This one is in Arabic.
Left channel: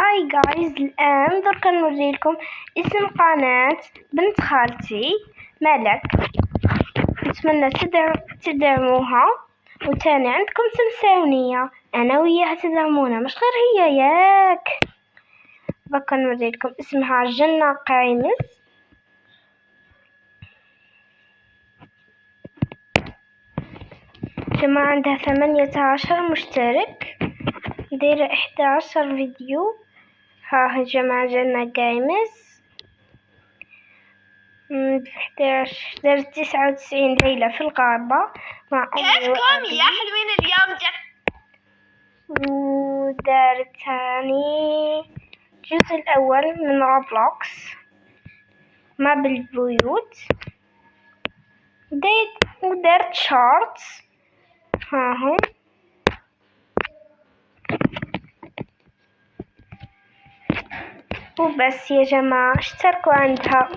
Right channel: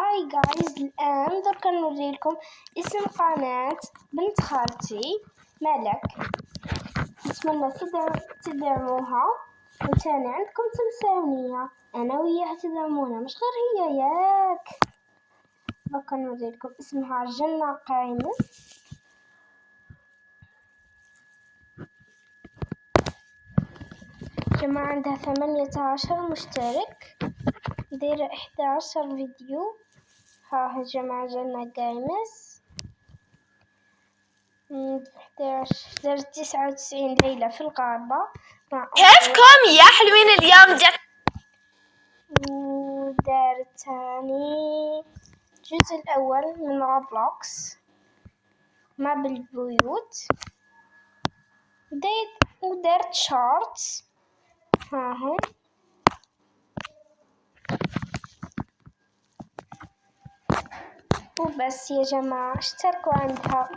هاي جايز، الآن درك نوريلكم اسم قناة بنت خالتي ملك. نتمنى تدعموها، وتاني عندكم تنساونية أنا وياها تدعمونا، مش غير هي ياك. بقى نوريلكم اسمها جنة قايمز. جماعة عندها 18 مشترك، دايرة 11 فيديو. ها جماعة جنة قايمز 11 دارت 99 ليلة في الغابة مع كيفكم يا حلوين؟ اليوم جت ودارت تاني الجزء الأول من روبلوكس ما بالبيوت. ودارت شورتس هاهم. وبس يا جماعة، اشتركوا عندها.